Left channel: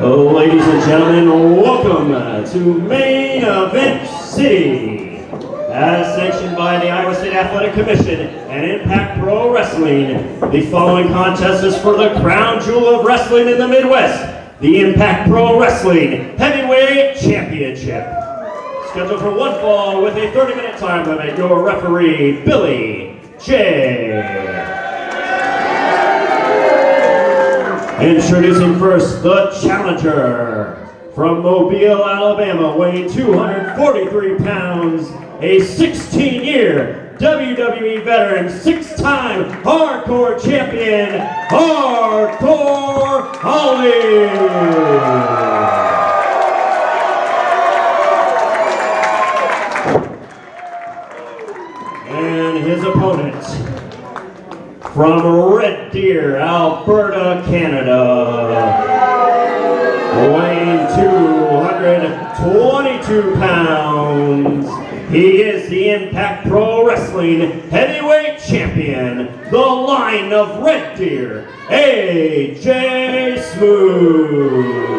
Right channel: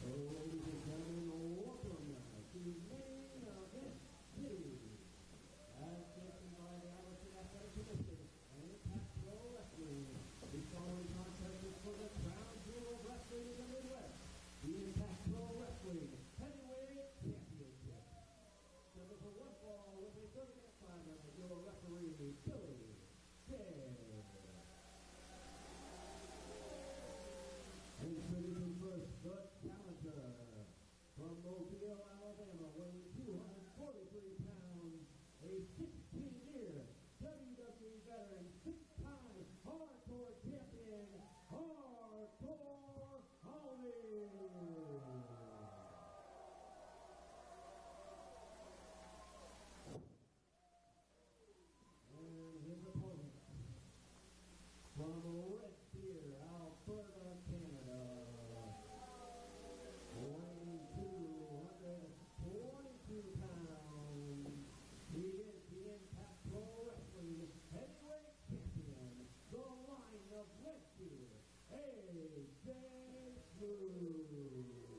Ladies and gentlemen, welcome to Main Event City. As sanctioned by the Iowa State Athletic Commission and Impact Pro Wrestling, the following contest is for the crown jewel of wrestling in the Midwest, the Impact Pro Wrestling Heavyweight Championship. Scheduled for one fall with a 30-minute time limit, your referee, Billy J. Introducing first, the challenger. From Mobile, Alabama, weighing 243 pounds, a 16-year WWE veteran, 6-time hardcore champion, Hardcore Holly. And his opponent, from Red Deer, Alberta, Canada, weighing 222 pounds, he is the Impact Pro Wrestling Heavyweight Champion, the Lion of Red Deer, AJ Smooth.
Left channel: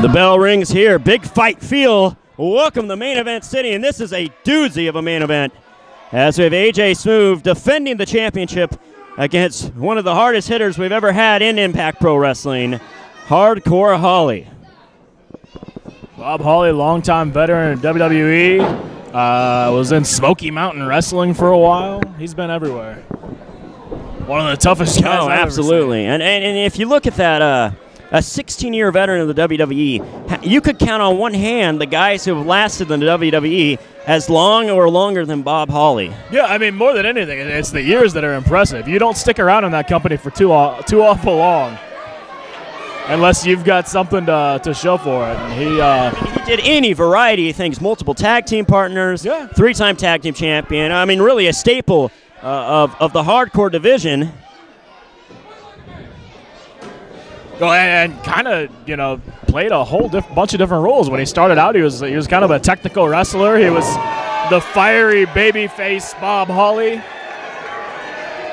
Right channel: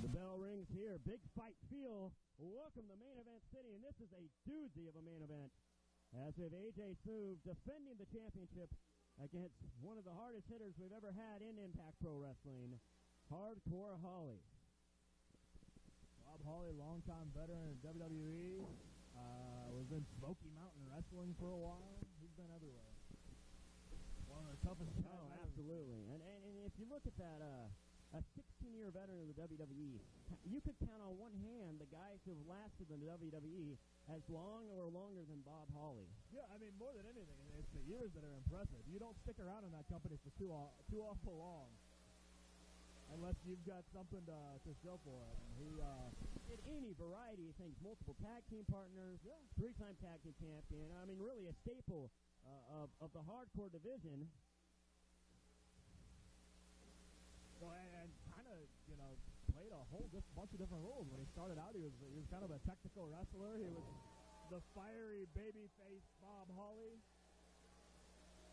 The bell rings here. Big fight feel. Welcome to Main Event City, and this is a doozy of a main event. As we have AJ Smooth defending the championship against one of the hardest hitters we've ever had in Impact Pro Wrestling, Hardcore Holly. Bob Holly, longtime veteran in WWE, was in Smoky Mountain Wrestling for a while. He's been everywhere. One of the toughest guys I've absolutely. ever seen. And if you look at that, a 16-year veteran of the WWE, you could count on one hand the guys who have lasted in the WWE as long or longer than Bob Holly. Yeah, I mean, more than anything, it's the years that are impressive. You don't stick around in that company for too awful long unless you've got something to show for it. And he did any variety of things, multiple tag team partners, yeah. 3-time tag team champion. I mean, really a staple of the hardcore division. And kind of, played a whole bunch of different roles. When he started out, he was kind of a technical wrestler. He was the fiery babyface Bob Holly.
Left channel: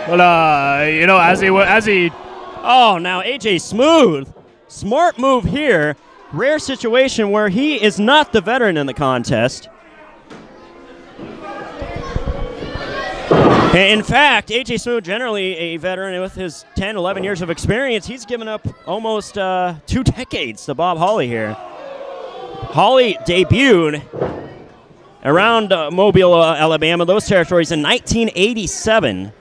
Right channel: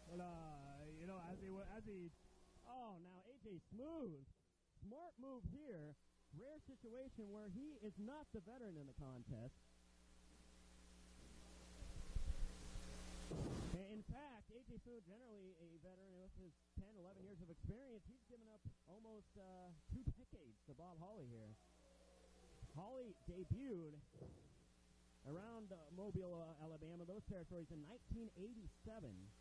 But as he oh, now AJ Smooth, smart move here. Rare situation where he is not the veteran in the contest. In fact, AJ Smooth, generally a veteran with his 10, 11 years of experience, he's given up almost 2 decades to Bob Holly here. Holly debuted around Mobile, Alabama, those territories, in 1987.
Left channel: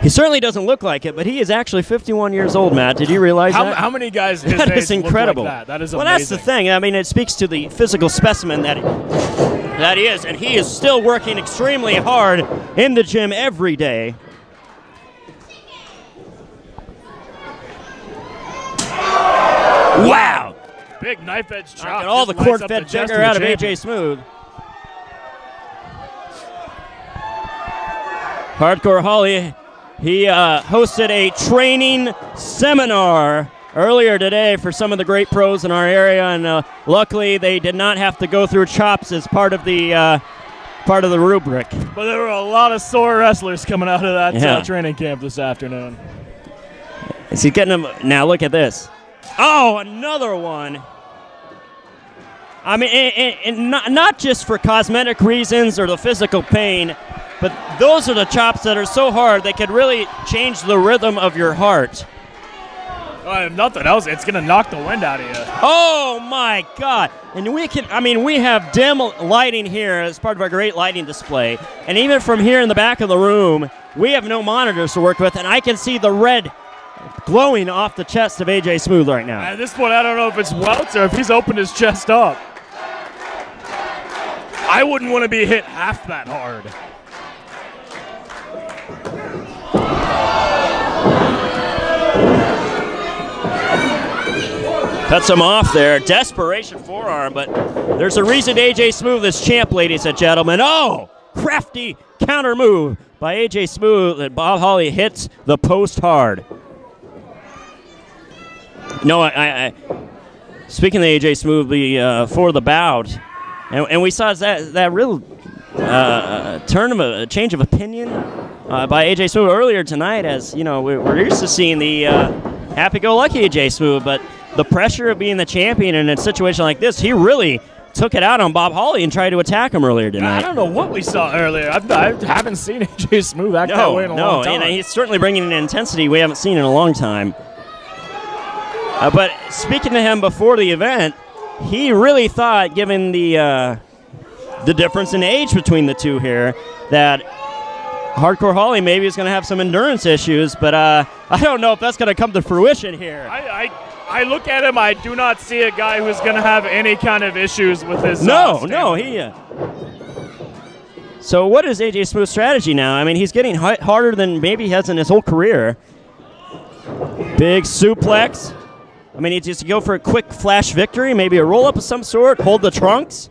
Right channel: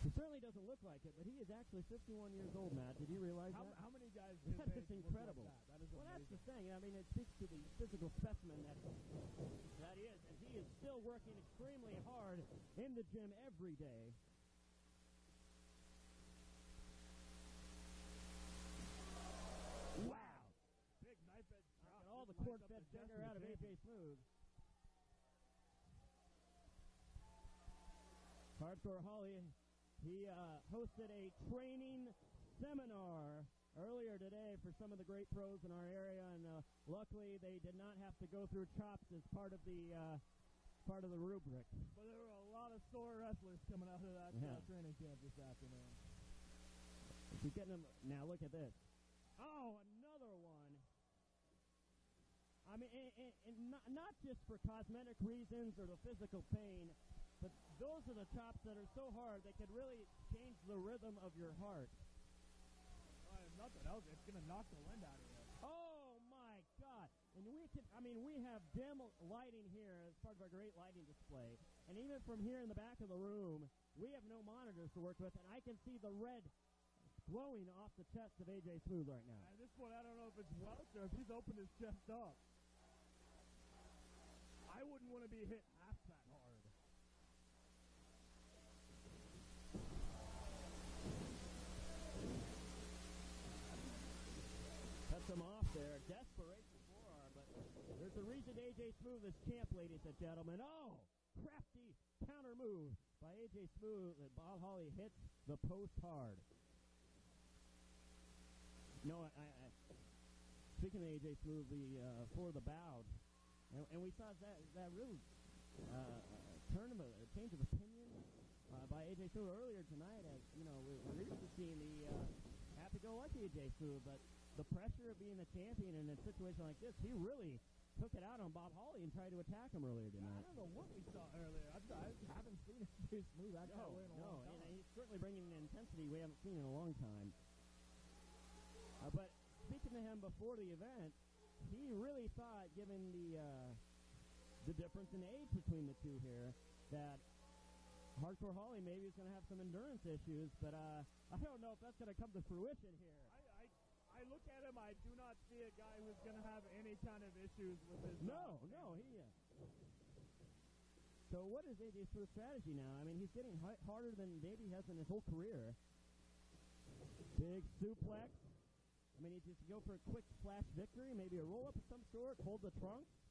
He certainly doesn't look like it, but he is actually 51 years old, Matt. Did you realize that? How many guys his that age is incredible. Look like that? That is well, amazing. That's the thing. I mean, it speaks to the physical specimen that he is, and he is still working extremely hard in the gym every day. Wow! Big knife edge chop. Get all the corn-fed sugar out of AJ Smooth. Hardcore Holly, he hosted a training seminar earlier today for some of the great pros in our area, and luckily they did not have to go through chops as part of the rubric. But there were a lot of sore wrestlers coming out of that training camp this afternoon. Is he getting them? Now look at this. Oh, another one. I mean, and not just for cosmetic reasons or the physical pain. but those are the chops that are so hard they could really change the rhythm of your heart. If nothing else, it's going to knock the wind out of you. Oh my God. And we have dim lighting here as part of our great lighting display. And even from here in the back of the room, we have no monitors to work with, and I can see the red glowing off the chest of AJ Smooth right now. At this point, I don't know if it's welts or if he's opened his chest up. I wouldn't want to be hit half that hard. Cuts him off there. Desperation forearm, but there's a reason AJ Smooth is champ, ladies and gentlemen. Oh, crafty counter move by AJ Smooth, and Bob Holly hits the post hard. No, I speaking of AJ Smooth for the bout, and we saw that real change of opinion by AJ Smooth earlier tonight. As you know, we're used to seeing the happy-go-lucky AJ Smooth, but the pressure of being the champion in a situation like this, he really took it out on Bob Holly and tried to attack him earlier tonight. I don't know what we saw earlier. I haven't seen AJ Smooth act that way in a long time. And he's certainly bringing an intensity we haven't seen in a long time. But speaking to him before the event, he really thought, given the difference in age between the two here, that Hardcore Holly maybe is going to have some endurance issues, but I don't know if that's going to come to fruition here. I look at him, I do not see a guy who's going to have any kind of issues with his So what is AJ Smooth's strategy now? I mean, he's getting harder than maybe he has in his whole career. Big suplex. I mean, he just go for a quick flash victory, maybe a roll-up of some sort, hold the trunks.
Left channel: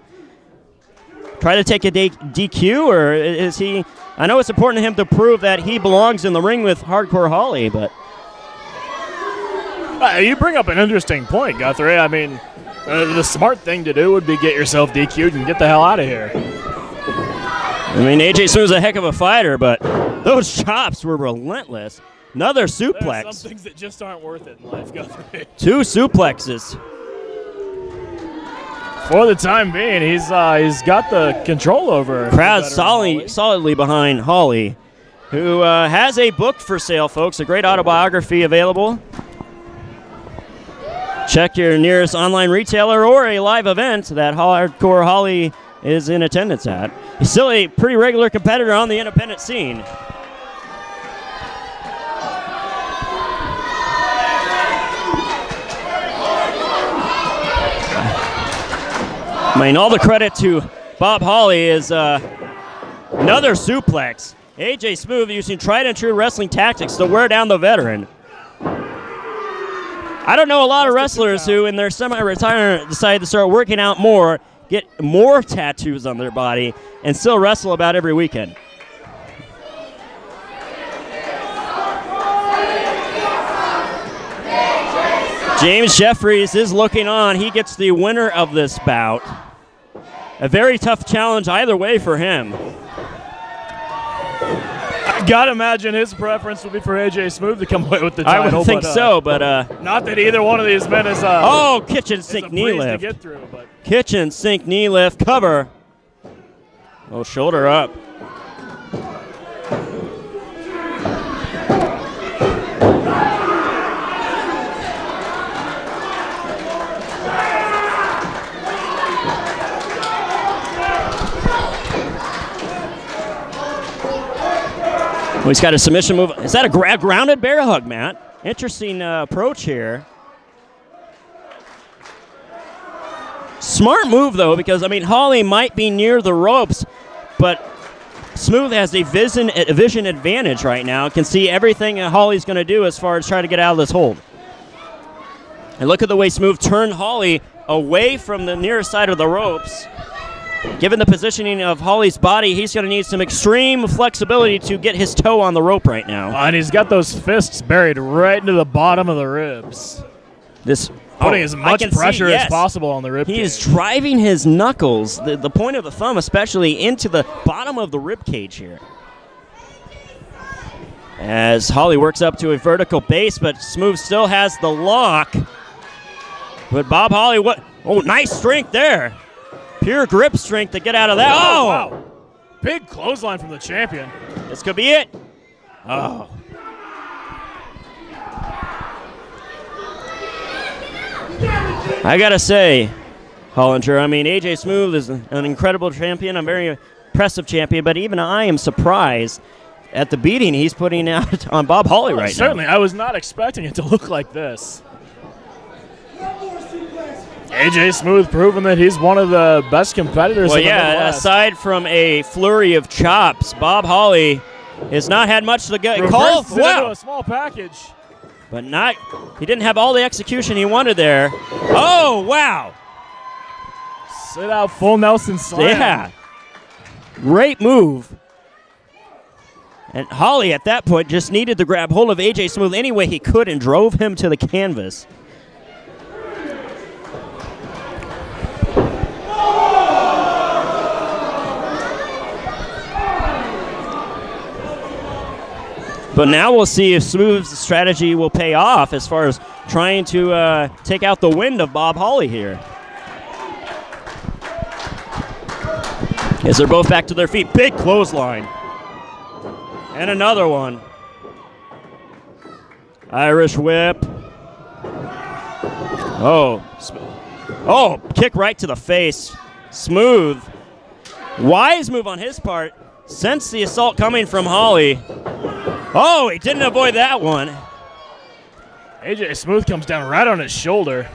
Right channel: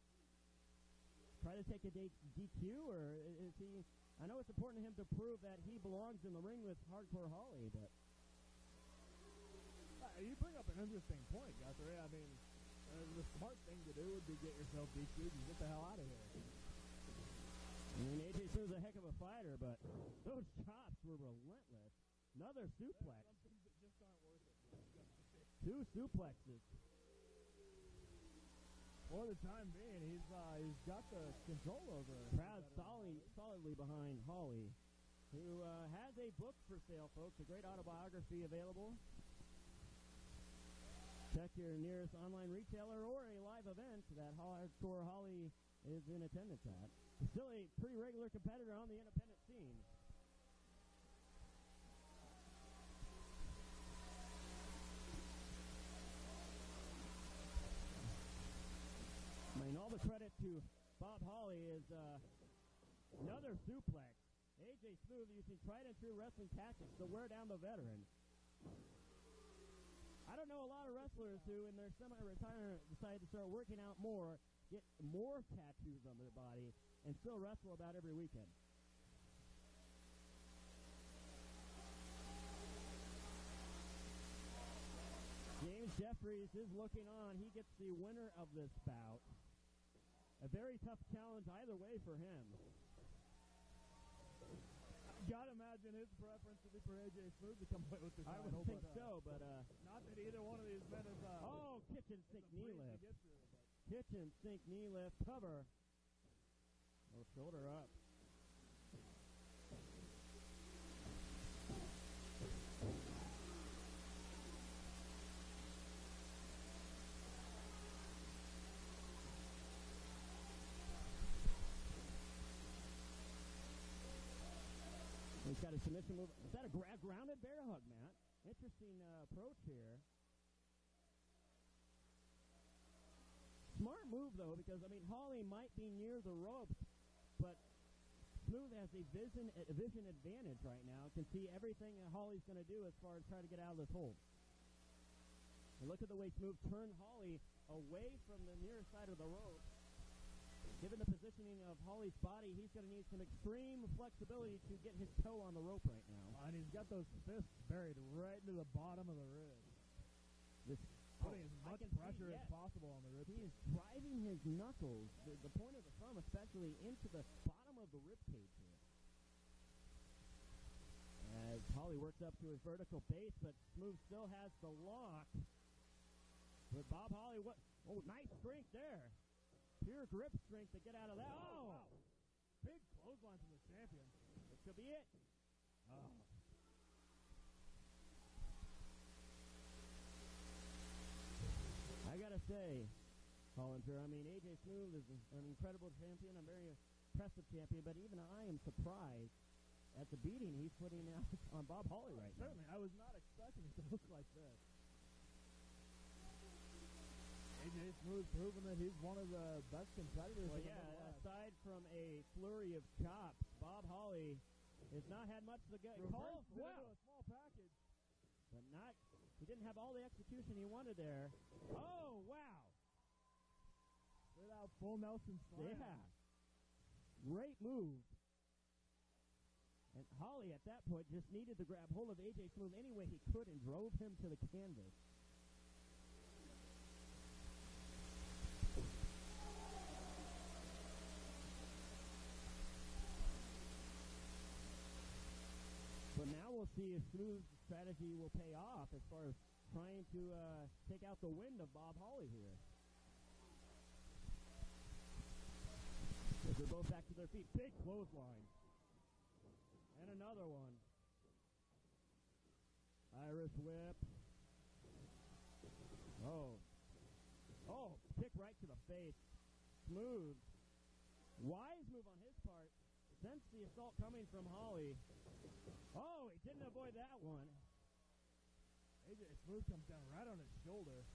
Try to take a DQ, or is he... I know it's important to him to prove that he belongs in the ring with Hardcore Holly, but... You bring up an interesting point, Guthrie. I mean, the smart thing to do would be get yourself DQ'd and get the hell out of here. I mean, AJ Smooth's a heck of a fighter, but those chops were relentless. Another suplex. There's some things that just aren't worth it in life, Guthrie. 2 suplexes. For the time being, he's got the control over. Crowd solidly behind Holly, who has a book for sale, folks. A great autobiography available. Check your nearest online retailer or a live event that Hardcore Holly is in attendance at. He's still a pretty regular competitor on the independent scene. I mean, all the credit to Bob Holly is another suplex. AJ Smooth using tried and true wrestling tactics to wear down the veteran. I don't know a lot of wrestlers who, in their semi-retirement, decide to start working out more, get more tattoos on their body, and still wrestle about every weekend. James Jeffries is looking on. He gets the winner of this bout. A very tough challenge either way for him. I gotta imagine his preference would be for AJ Smooth to come away with the title. I would think so, but not that either one of these men is kitchen sink knee lift. To get through, but. Kitchen sink knee lift cover. Oh, shoulder up. Well, he's got a submission move. Is that a grounded bear hug, Matt? Interesting approach here. Smart move, though, because, I mean, Holly might be near the ropes, but Smooth has a vision advantage right now. Can see everything Holly's going to do as far as trying to get out of this hold. And look at the way Smooth turned Holly away from the nearest side of the ropes. Given the positioning of Holly's body, he's going to need some extreme flexibility to get his toe on the rope right now. And he's got those fists buried right into the bottom of the ribs. Putting as much pressure as possible on the rib cage. He is driving his knuckles, the point of the thumb especially, into the bottom of the rib cage here. As Holly works up to a vertical base, but Smooth still has the lock. But Bob Holly, nice strength there. Pure grip strength to get out of that. Oh! Wow. big clothesline from the champion. This could be it. Oh. I gotta say, Hollinger, I mean, AJ Smooth is an incredible champion, a very impressive champion, but even I am surprised at the beating he's putting out on Bob Holly right certainly, now. I was not expecting it to look like this. AJ Smooth proving that he's one of the best competitors Well, in the yeah, Midwest. aside from a flurry of chops, Bob Holly has not had much to get call. Reversed it into a small package. But he didn't have all the execution he wanted there. Oh, wow. Sit out full Nelson slam. Yeah. Great move. And Holly at that point just needed to grab hold of AJ Smooth any way he could and drove him to the canvas. But now we'll see if Smooth's strategy will pay off as far as trying to take out the wind of Bob Holly here. As they're both back to their feet. Big clothesline. And another one. Irish whip. Oh. Oh, kick right to the face. Smooth. Wise move on his part. Sensed the assault coming from Holly. Oh, he didn't avoid that one. AJ Smooth comes down right on his shoulder.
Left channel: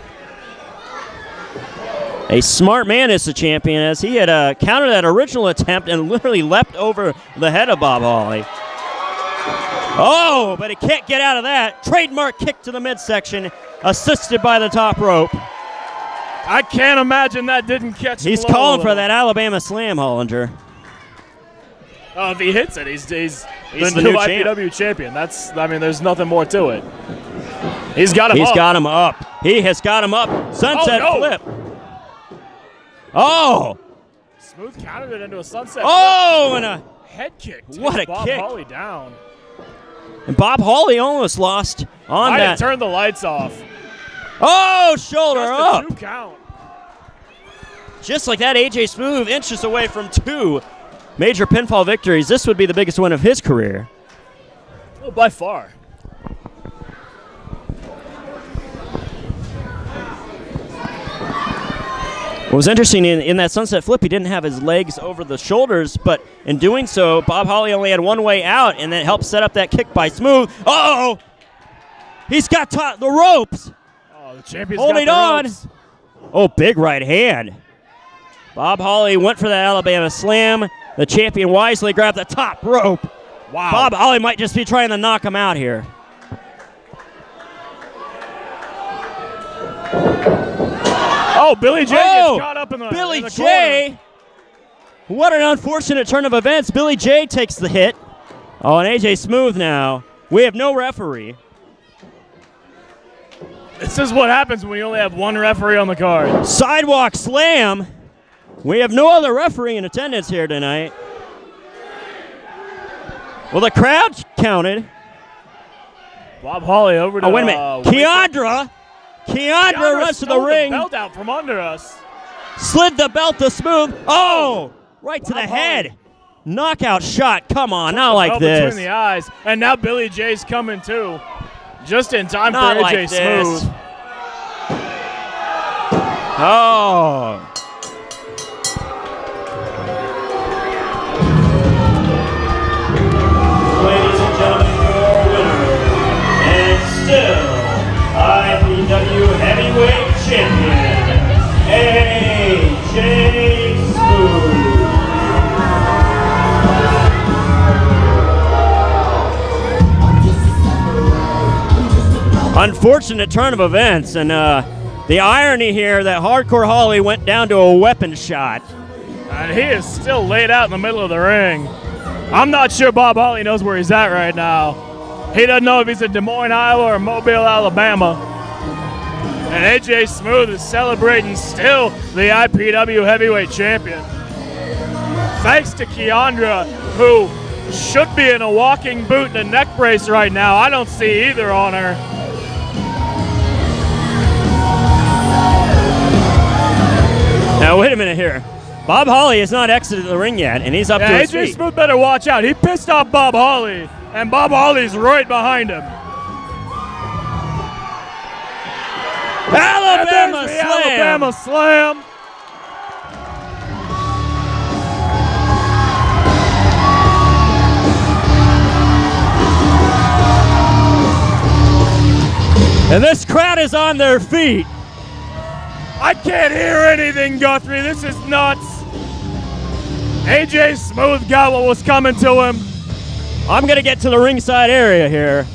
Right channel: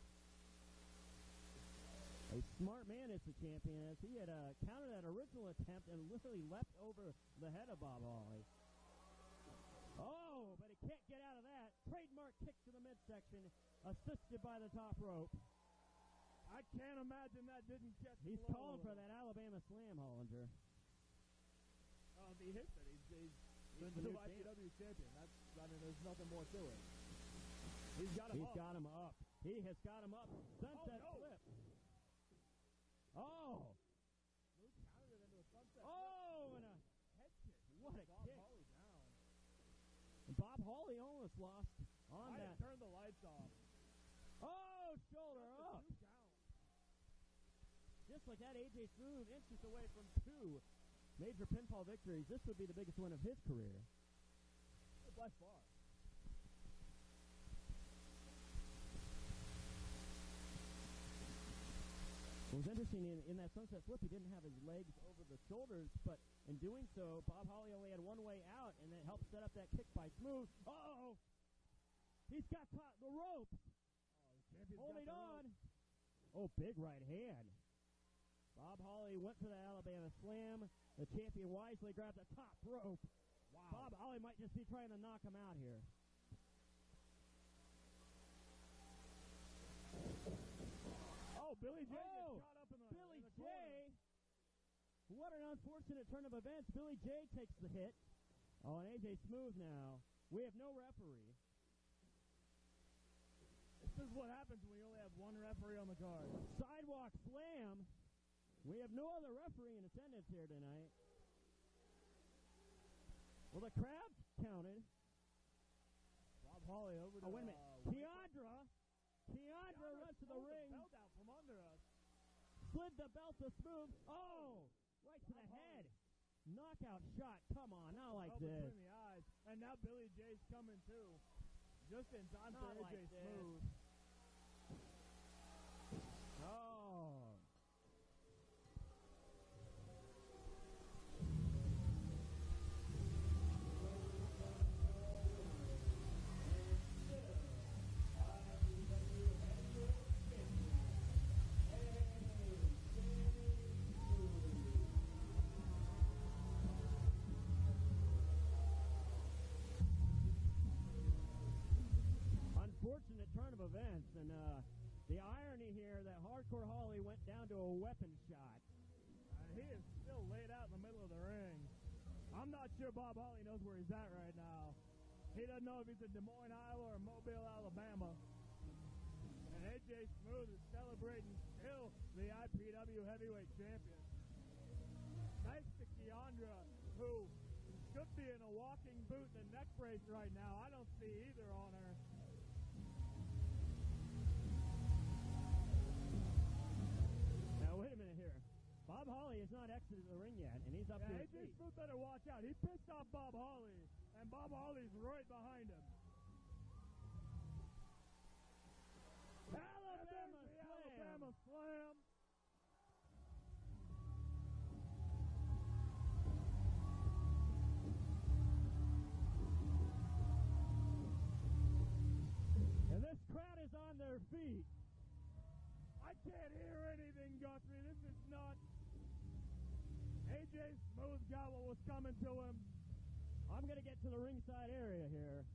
A smart man is the champion, as he had countered that original attempt and literally leapt over the head of Bob Holly. Oh, but he can't get out of that. Trademark kick to the midsection, assisted by the top rope. I can't imagine that didn't catch him. He's calling for that Alabama slam, Hollinger. Oh, if he hits it, he's the new new IPW champion. There's nothing more to it. He's got him up. He's got him up. He has got him up. Sunset flip. Oh! Smooth countered it into a sunset flip. And a head kick. What a Bob kick. Holly down. And Bob Holly almost lost on Might that. have turned the lights off. Oh, shoulder Just up. a 2 count. Just like that, AJ Smooth inches away from 2 major pinfall victories. This would be the biggest win of his career. Oh, by far. What was interesting in that sunset flip, he didn't have his legs over the shoulders, but in doing so, Bob Holly only had one way out, and that helped set up that kick by Smooth. Uh-oh! He's got the ropes! Oh, the champion's holding got the on! ropes. Oh, big right hand. Bob Holly went for that Alabama slam. The champion wisely grabbed the top rope. Wow. Bob Holly might just be trying to knock him out here. Oh, Billy J gets caught up in the Billy in the J. corner. What an unfortunate turn of events. Billy J takes the hit. Oh, and AJ Smooth now. We have no referee. This is what happens when you only have one referee on the card. Sidewalk slam. We have no other referee in attendance here tonight. Well, the crowd counted. Bob Holly over to. Oh, wait a minute. Keandra runs to the ring. Belt out from under us. Slid the belt to Smooth. Oh, right to the head. Knockout shot. Come on, not like this. Between the eyes. And now Billy J's coming too. Just in time Not for AJ like this. Smooth. Oh. Ladies and gentlemen, your winner, and still IPW Heavyweight Champion, AJ Smooth. Unfortunate turn of events, and the irony here that Hardcore Holly went down to a weapon shot. And he is still laid out in the middle of the ring. I'm not sure Bob Holly knows where he's at right now. He doesn't know if he's in Des Moines, Iowa or Mobile, Alabama. And AJ Smooth is celebrating still the IPW Heavyweight Champion. Thanks to Keandra, who should be in a walking boot and a neck brace right now. I don't see either on her. Now, wait a minute here. Bob Holly has not exited the ring yet, and he's up to his AJ feet. Smooth better watch out. He pissed off Bob Holly, and Bob Holly's right behind him. Alabama And there's the slam. Alabama slam. And this crowd is on their feet. I can't hear anything, Guthrie. This is nuts. AJ Smooth got what was coming to him. I'm going to get to the ringside area here.